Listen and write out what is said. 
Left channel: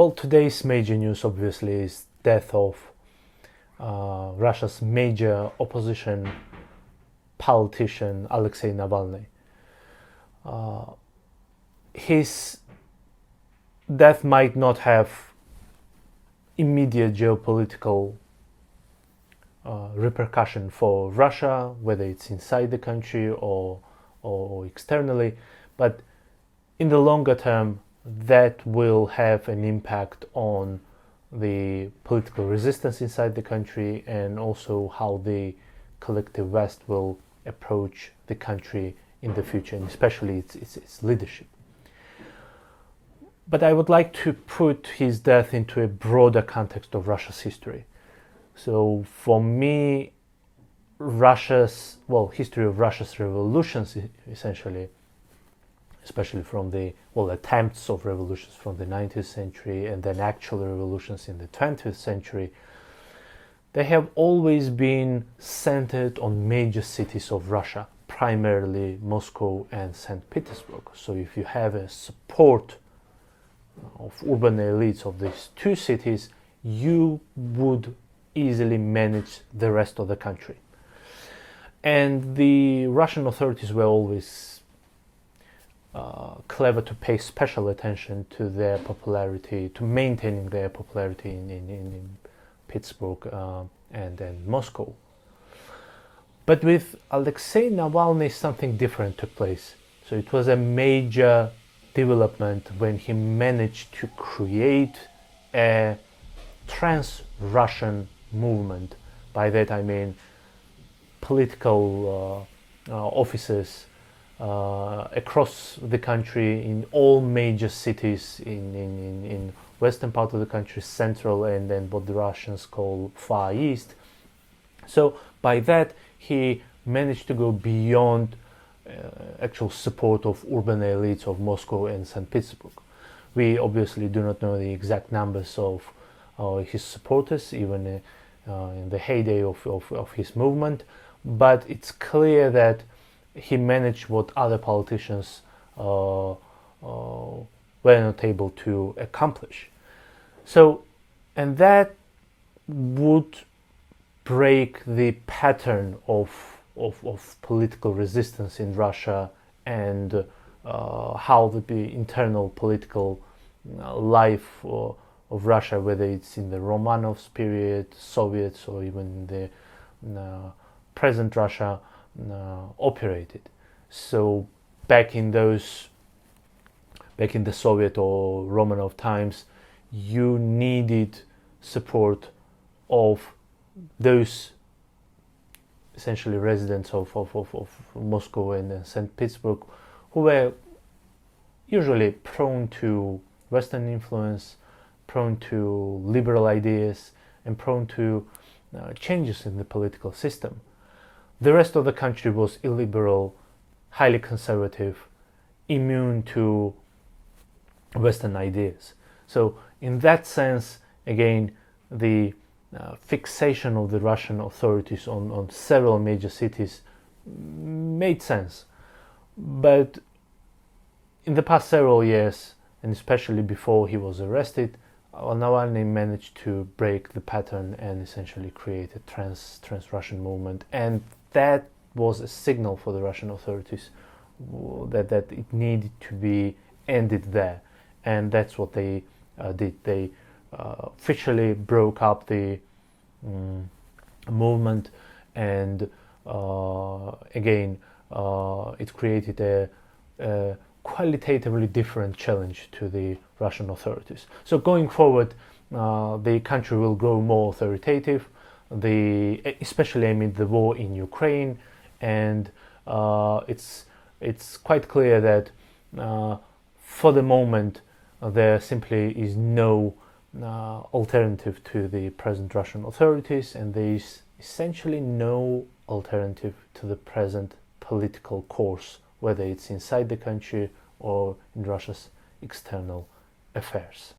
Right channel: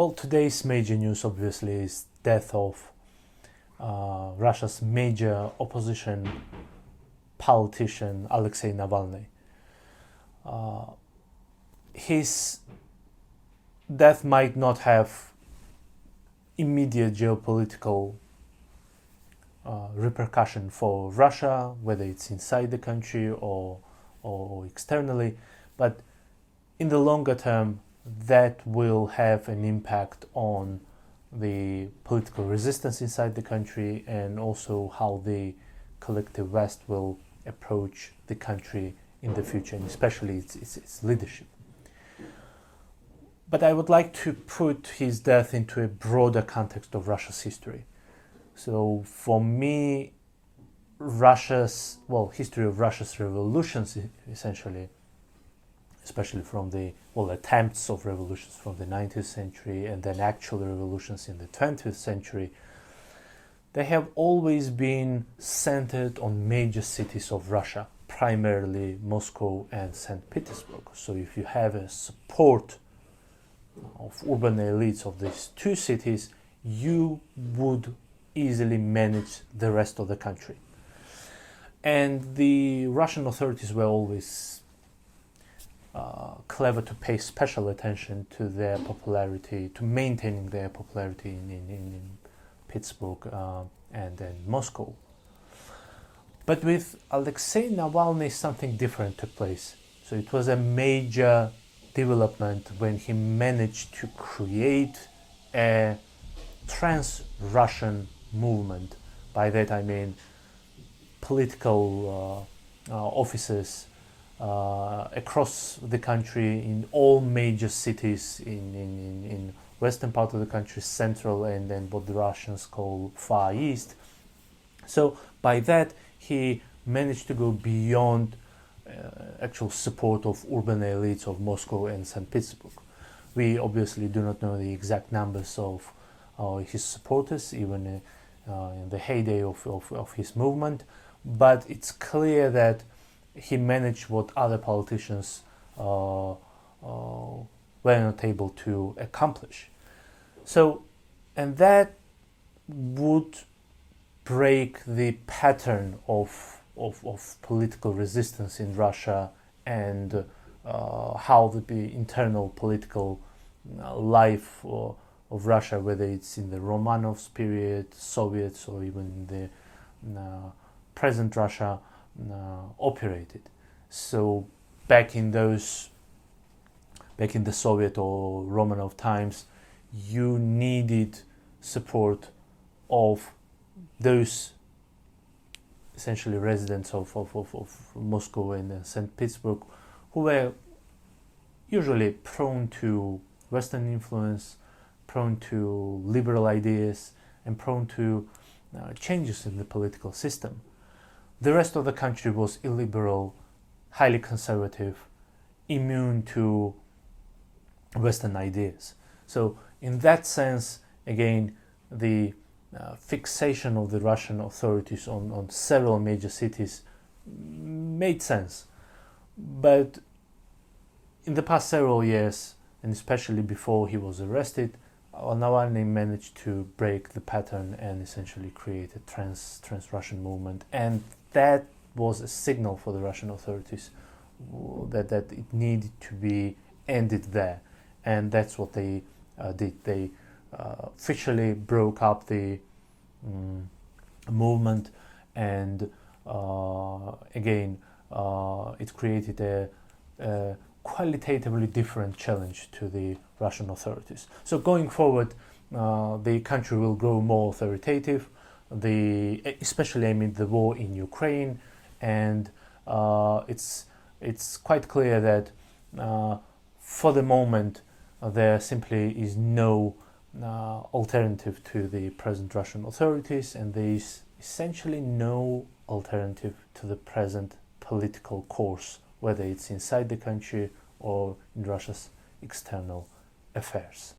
Well, today's major news obviously is death of Russia's major opposition politician Alexei Navalny. His death might not have immediate geopolitical repercussion for Russia, whether it's inside the country or externally, but in the longer term, that will have an impact on the political resistance inside the country and also how the collective West will approach the country in the future, and especially its leadership. But I would like to put his death into a broader context of Russia's history. So for me, history of Russia's revolutions essentially, especially from the attempts of revolutions from the 19th century and then actual revolutions in the 20th century, they have always been centered on major cities of Russia, primarily Moscow and St. Petersburg. So if you have a support of urban elites of these two cities, you would easily manage the rest of the country. And the Russian authorities were always clever to pay special attention to their popularity, to maintaining their popularity in Pittsburgh and Moscow. But with Alexei Navalny, something different took place. So it was a major development when he managed to create a trans-Russian movement. By that I mean political offices across the country in all major cities in western part of the country, central, and then what the Russians call Far East. So by that he managed to go beyond actual support of urban elites of Moscow and St. Petersburg. We obviously do not know the exact numbers of his supporters, even in the heyday of his movement, but it's clear that he managed what other politicians were not able to accomplish. So, and that would break the pattern of political resistance in Russia and how the internal political life of Russia, whether it's in the Romanovs period, Soviets, or even in the present Russia, operated. So back in the Soviet or Romanov times, you needed support of those essentially residents of Moscow and St. Petersburg, who were usually prone to Western influence, prone to liberal ideas, and prone to changes in the political system. The rest of the country was illiberal, highly conservative, immune to Western ideas. So in that sense, again, the fixation of the Russian authorities on several major cities made sense. But in the past several years, and especially before he was arrested, Navalny managed to break the pattern and essentially create a trans-Russian movement, and that was a signal for the Russian authorities that it needed to be ended there, and that's what they did. They officially broke up the movement, and again, it created a qualitatively different challenge to the Russian authorities. So going forward, the country will grow more authoritative, especially amid the war in Ukraine, and it's quite clear that for the moment there simply is no alternative to the present Russian authorities, and there is essentially no alternative to the present political course, whether it's inside the country or in Russia's external affairs.